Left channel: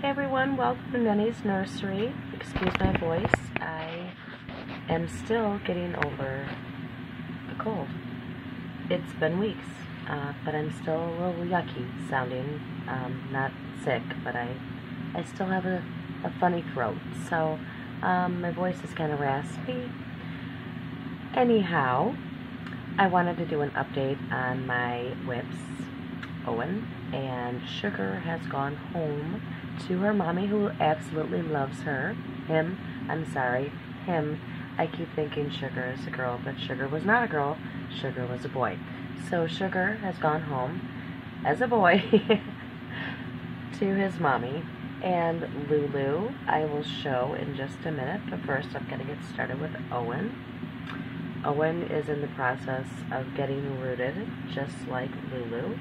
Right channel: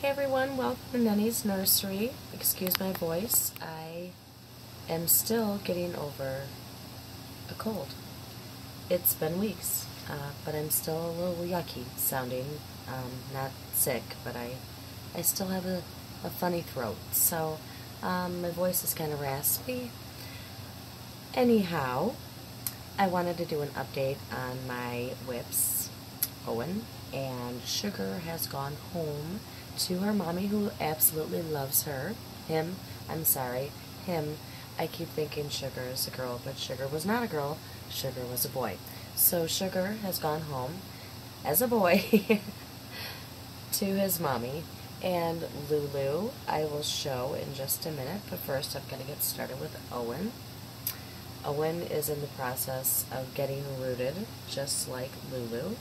Hey everyone, welcome to Nenny's Nursery. Excuse my voice, I am still getting over a cold. It's been weeks, but I'm still a little yucky sounding. Not sick, but I still have a funny throat, so my voice is kind of raspy. Anyhow, I wanted to do an update on my WIPS, Owen, and Sugar has gone home to her mommy, who absolutely loves her. Him. I keep thinking Sugar is a girl, but Sugar was not a girl. Sugar was a boy. So Sugar has gone home as a boy to his mommy. And Lulu, I will show in just a minute, but first I'm going to get started with Owen. Owen is in the process of getting rooted, just like Lulu.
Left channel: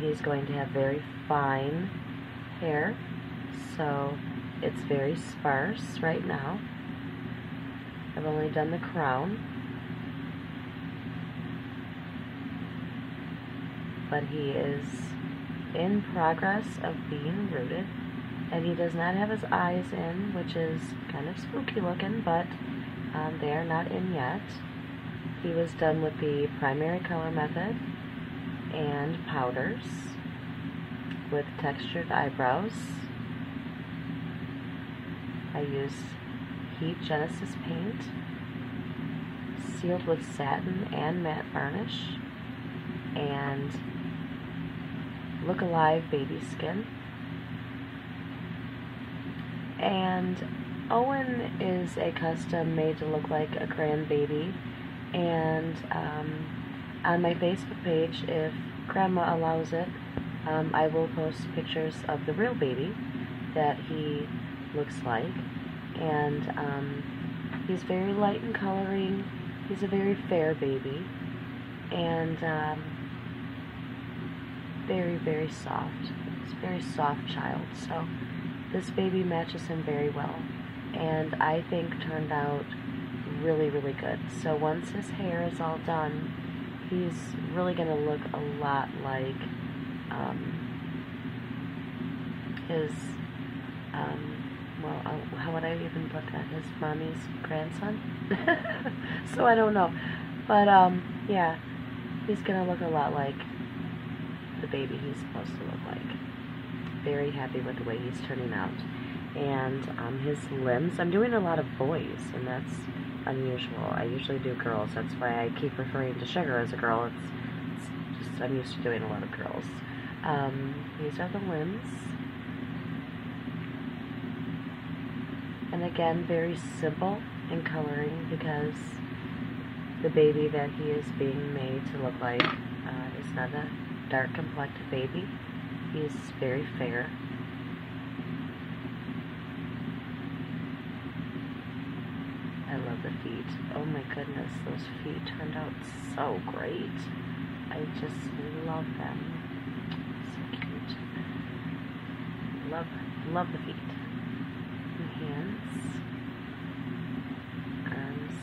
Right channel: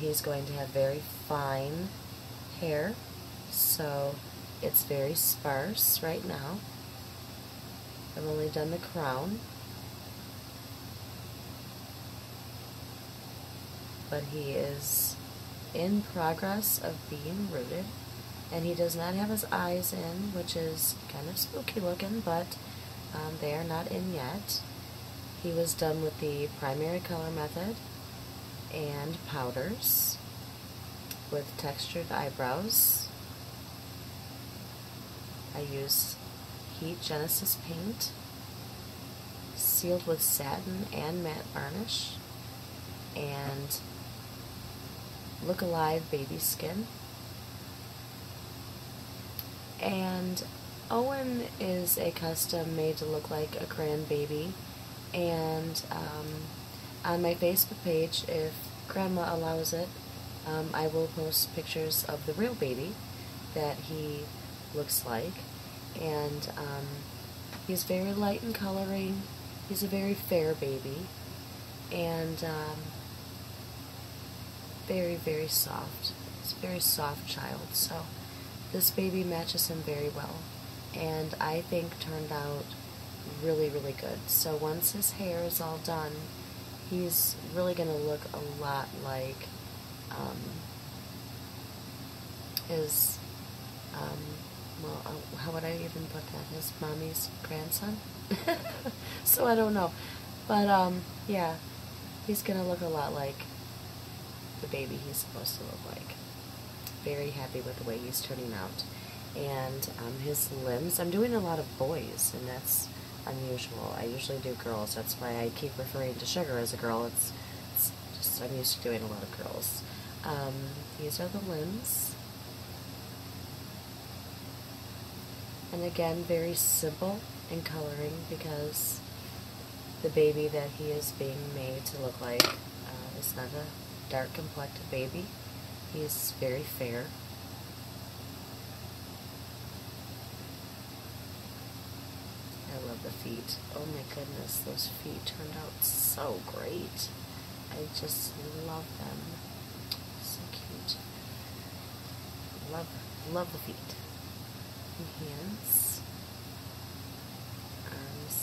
He's going to have very fine hair, so it's very sparse right now. I've only done the crown, but he is in progress of being rooted, and he does not have his eyes in, which is kind of spooky looking, but they are not in yet. He was done with the primary color method and powders with textured eyebrows. I used Heat Genesis paint, sealed with satin and matte varnish, and Look Alive baby skin. And Owen is a custom made to look like a grandbaby, and on my Facebook page, if Grandma allows it, I will post pictures of the real baby that he looks like, and he's very light in coloring. He's a very fair baby, and very, very soft. He's a very soft child, so this baby matches him very well, and I think turned out really, really good. So once his hair is all done, he's really going to look a lot like his, how would I even put that? His mommy's grandson? So I don't know. But, yeah, he's going to look a lot like the baby he's supposed to look like. Very happy with the way he's turning out. And his limbs, I'm doing a lot of boys, and that's unusual. I usually do girls. That's why I keep referring to Sugar as a girl. It's just, I'm used to doing a lot of girls. These are the limbs. And again, very simple in coloring, because the baby that he is being made to look like is not a dark complected baby. He is very fair. I love the feet. Oh my goodness, those feet turned out so great. I just love them. So cute. Love the feet. And hands. Arms.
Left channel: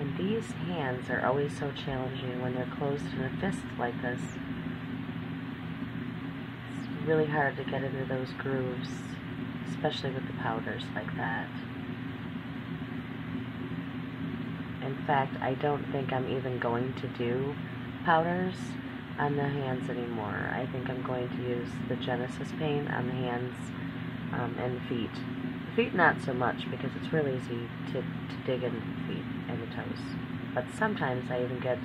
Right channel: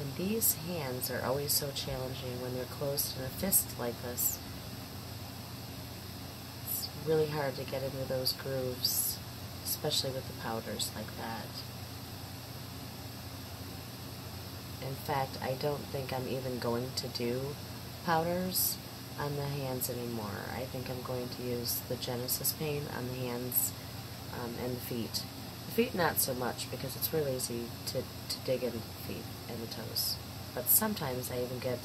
And these hands are always so challenging when they're closed in a fist like this. It's really hard to get into those grooves, especially with the powders like that. In fact, I don't think I'm even going to do powders on the hands anymore. I think I'm going to use the Genesis paint on the hands and the feet. The feet not so much, because it's really easy to dig into the feet and the toes. But sometimes I even get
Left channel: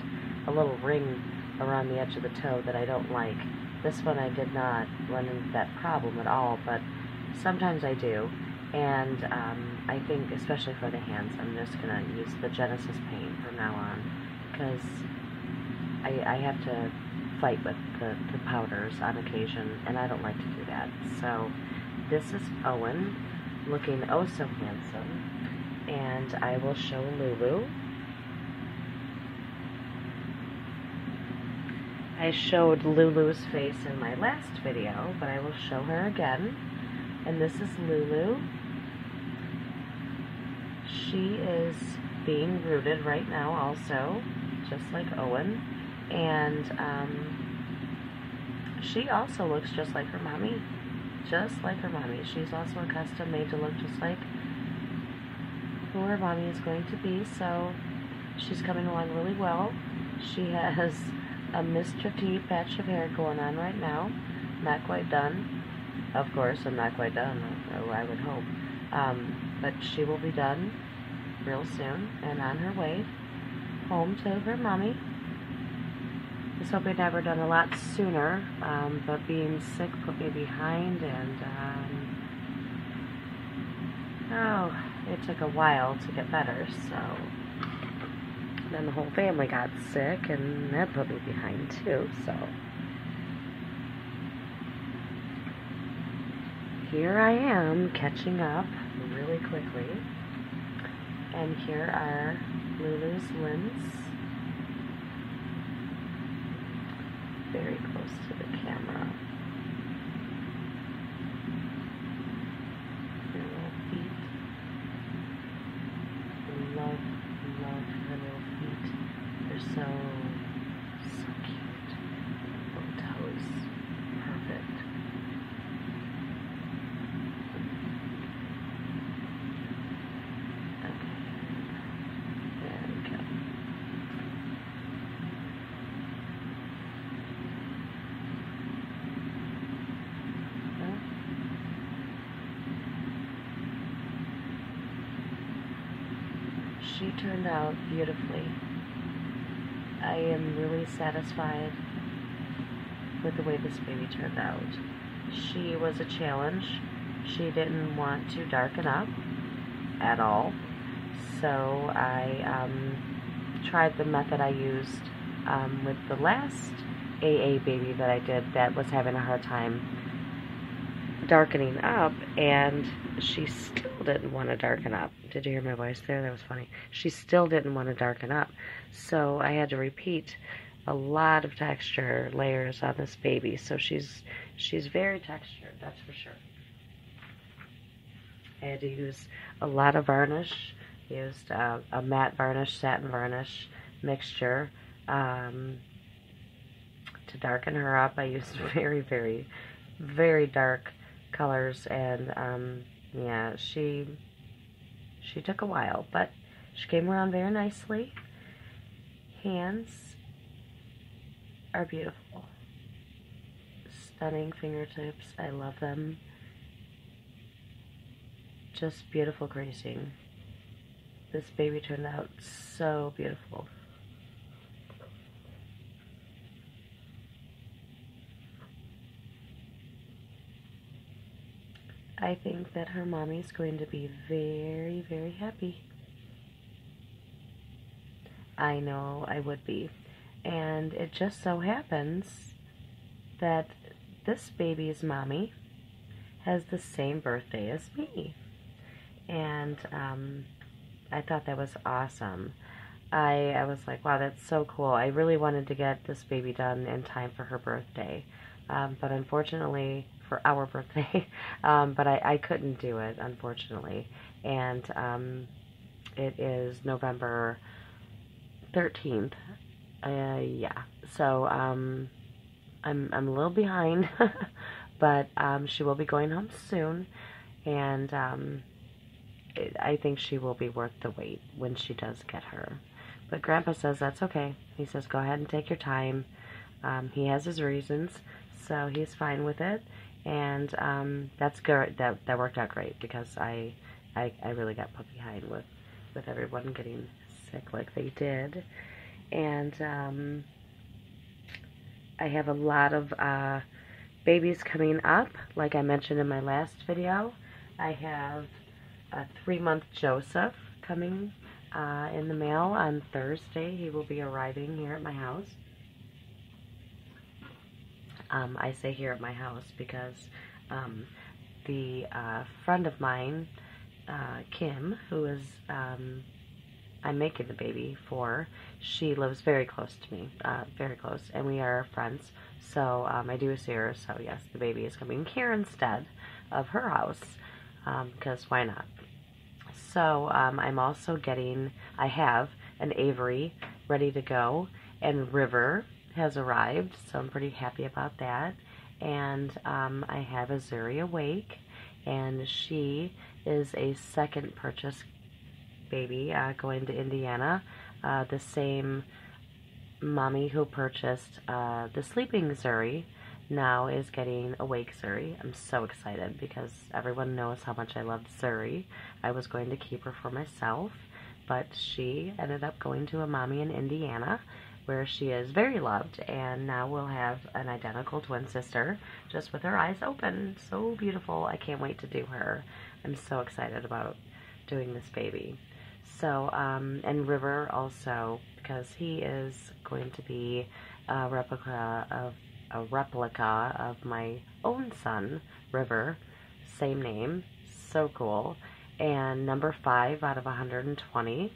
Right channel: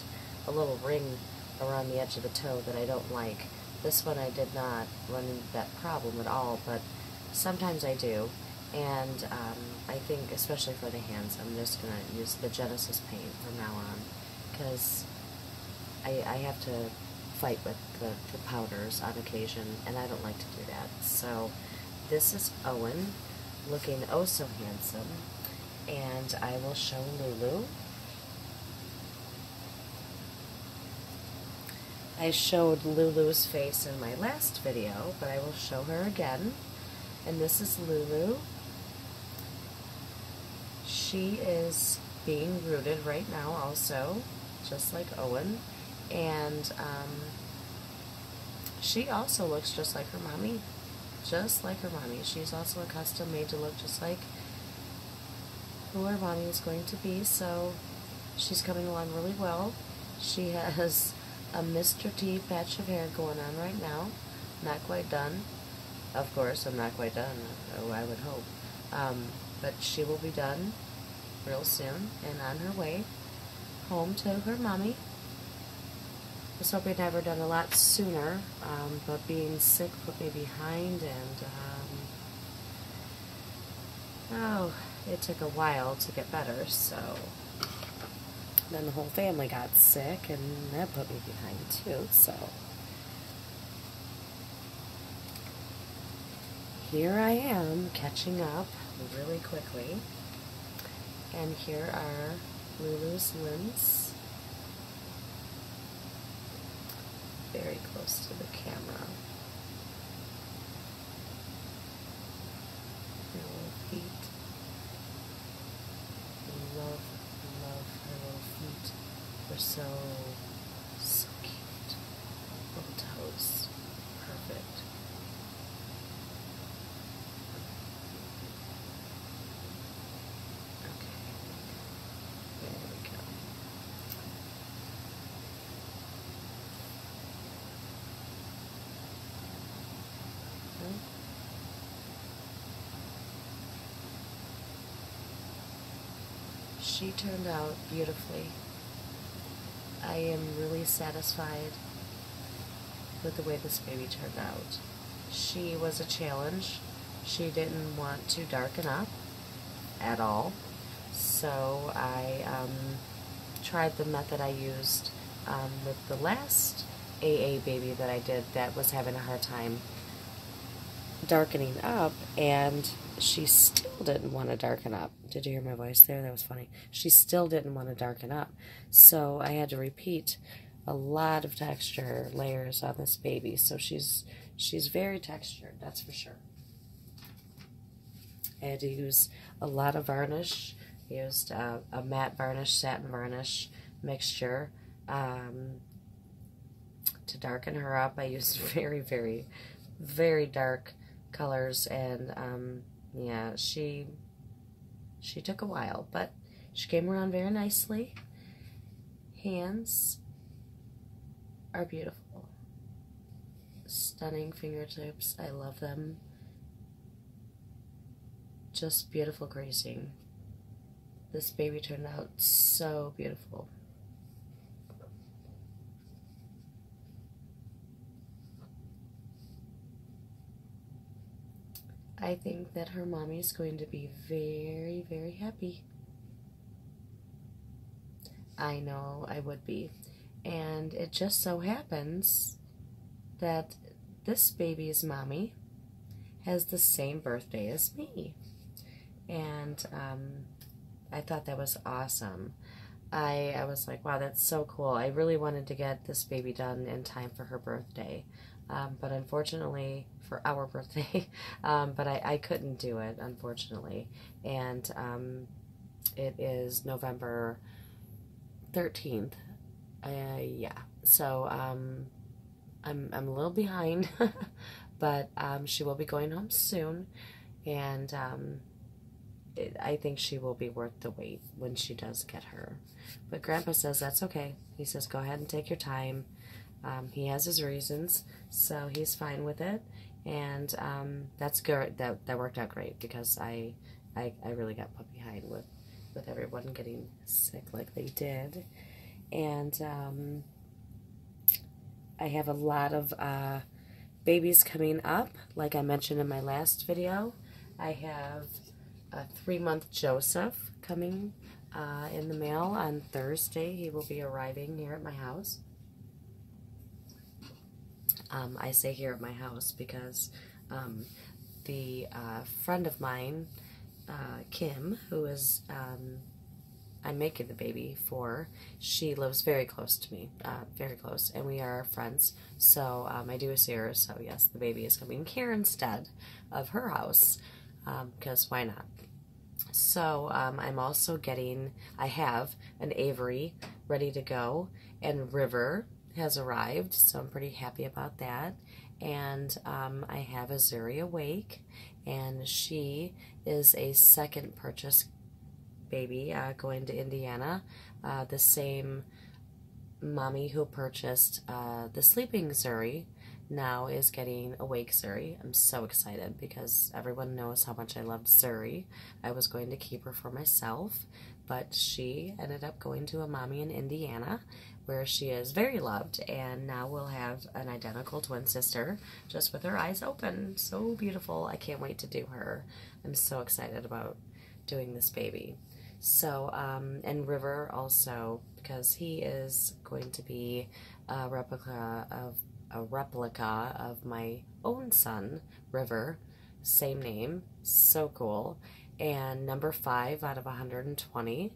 a little ring around the edge of the toe that I don't like. This one I did not run into that problem at all, but sometimes I do. And I think, especially for the hands, I'm just going to use the Genesis paint from now on, because I have to fight with the powders on occasion, and I don't like to do that. So this is Owen, looking oh so handsome, and I will show Lulu. I showed Lulu's face in my last video, but I will show her again. And this is Lulu. She is being rooted right now also, just like Owen. And she also looks just like her mommy. Just like her mommy. She's also a custom made to look just like who her mommy is going to be, so she's coming along really well. She has a Mr. T patch of hair going on right now. Not quite done. Of course, I'm not quite done. Oh, I would hope. But she will be done real soon and on her way home to her mommy. I was hoping I were done a lot sooner, but being sick put me behind, and oh, it took a while to get better, so then the whole family got sick, and that put me behind too, so here I am catching up really quickly. And here are Lulu's limbs. Very close to the camera. Her little feet. Love her little feet. They're so cute. Little toes. Perfect. She turned out beautifully. I am really satisfied with the way this baby turned out. She was a challenge. She didn't want to darken up at all, so I tried the method I used with the last AA baby that I did that was having a hard time darkening up, and she still didn't want to darken up. Did you hear my voice there? That was funny. She still didn't want to darken up, so I had to repeat a lot of texture layers on this baby. So she's very textured, that's for sure. I had to use a lot of varnish. Used a matte varnish, satin varnish mixture to darken her up. I used very dark colors, and yeah, she took a while, but she came around very nicely. Hands are beautiful. Stunning fingertips. I love them. Just beautiful gracing. This baby turned out so beautiful. I think that her mommy's going to be very happy. I know I would be. And it just so happens that this baby's mommy has the same birthday as me. And I thought that was awesome. I was like, wow, that's so cool. I really wanted to get this baby done in time for her birthday. But unfortunately, for our birthday, but I couldn't do it, unfortunately. And it is November 13th. Yeah, so I'm a little behind, but she will be going home soon, and I think she will be worth the wait when she does get her. But Grandpa says that's okay. He says go ahead and take your time. He has his reasons, so he's fine with it, and that's good. That worked out great, because I really got put behind with everyone getting sick like they did. And I have a lot of babies coming up. Like I mentioned in my last video, I have a 3-month Joseph coming in the mail on Thursday. He will be arriving here at my house. I say here at my house because the friend of mine, Kim, who is I'm making the baby for, she lives very close to me, very close, and we are friends, so I do see her, so yes, the baby is coming here instead of her house, because why not? So I'm also I have an Avery ready to go, and River has arrived, so I'm pretty happy about that. And I have a Zuri awake, and she is a second purchase baby going to Indiana. The same mommy who purchased the sleeping Zuri now is getting awake Zuri. I'm so excited because everyone knows how much I loved Zuri. I was going to keep her for myself, but she ended up going to a mommy in Indiana where she is very loved, and now we'll have an identical twin sister just with her eyes open. So beautiful. I can't wait to do her. I'm so excited about doing this baby. So, and River also, because he is going to be a replica of my own son, River, same name, so cool, and number 5 out of 120.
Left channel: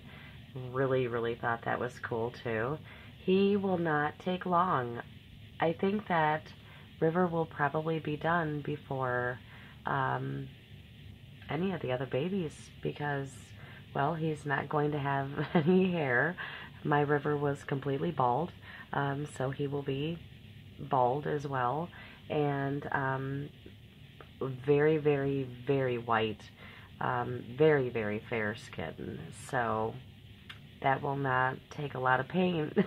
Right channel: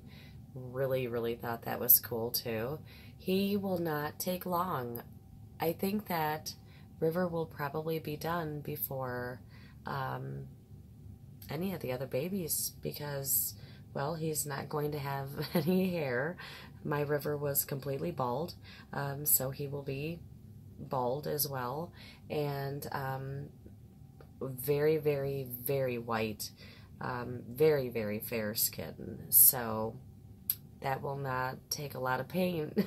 Really thought that was cool too. He will not take long. I think that River will probably be done before any of the other babies because, well, he's not going to have any hair. My River was completely bald, so he will be bald as well, and very white, very fair skin. So that will not take a lot of paint,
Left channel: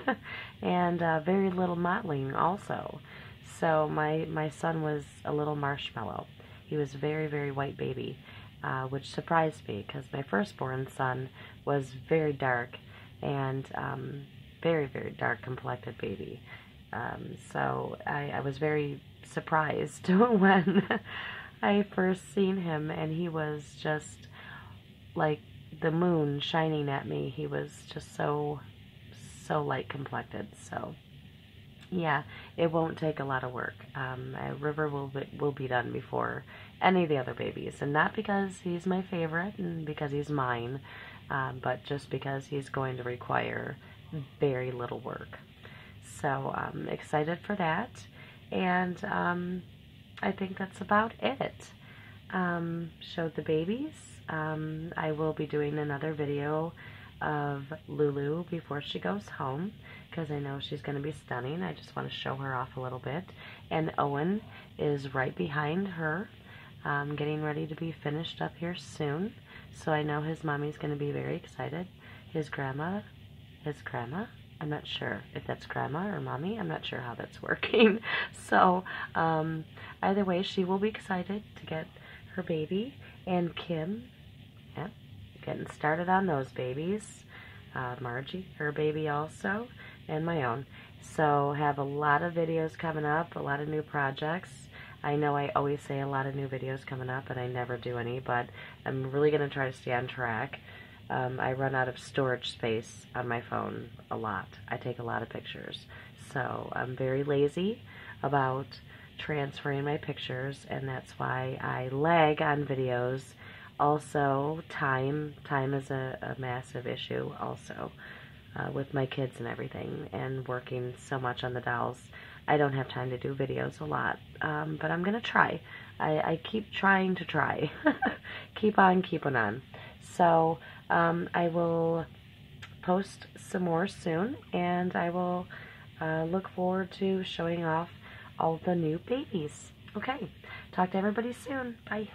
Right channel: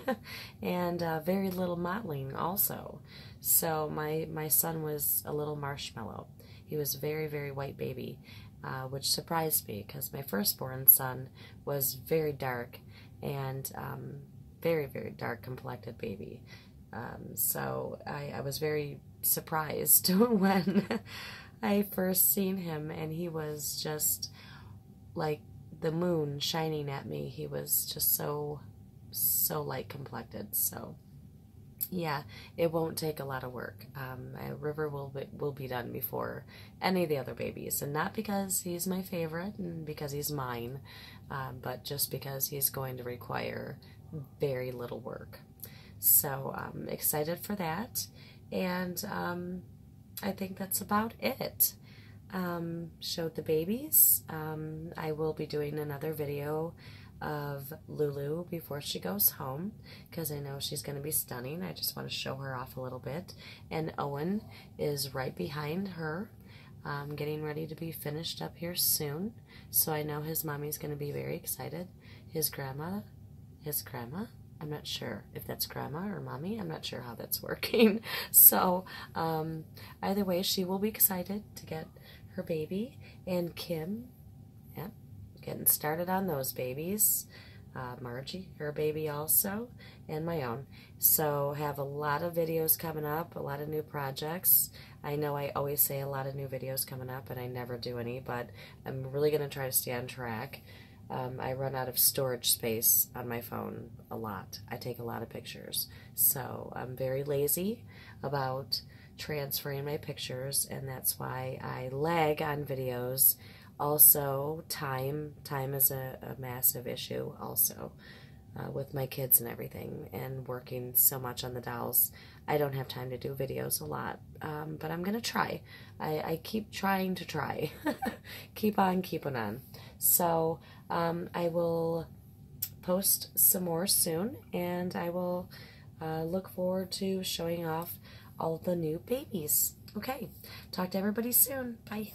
and very little mottling also. So my son was a little marshmallow. He was very white baby, which surprised me because my firstborn son was very dark and very dark complected baby. So I was very surprised when I first seen him, and he was just like the moon shining at me. He was just so light complected. So yeah, it won't take a lot of work. River will be done before any of the other babies, and not because he's my favorite and because he's mine, but just because he's going to require very little work. So I'm excited for that, and I think that's about it. Showed the babies. I will be doing another video of Lulu before she goes home because I know she's going to be stunning. I just want to show her off a little bit. And Owen is right behind her, getting ready to be finished up here soon. So I know his mommy's going to be very excited. His grandma, I'm not sure if that's grandma or mommy. I'm not sure how that's working. So either way, she will be excited to get her baby. And Kim, yeah, getting started on those babies. Margie, her baby also, and my own. So have a lot of videos coming up, a lot of new projects. I know I always say a lot of new videos coming up, and I never do any, but I'm really going to try to stay on track. I run out of storage space on my phone a lot. I take a lot of pictures. So I'm very lazy about transferring my pictures, and that's why I lag on videos. Also, time is a massive issue also with my kids and everything, and working so much on the dolls. I don't have time to do videos a lot, but I'm going to try. I keep trying to try. Keep on keeping on. So I will post some more soon, and I will look forward to showing off all the new babies. Okay, talk to everybody soon. Bye.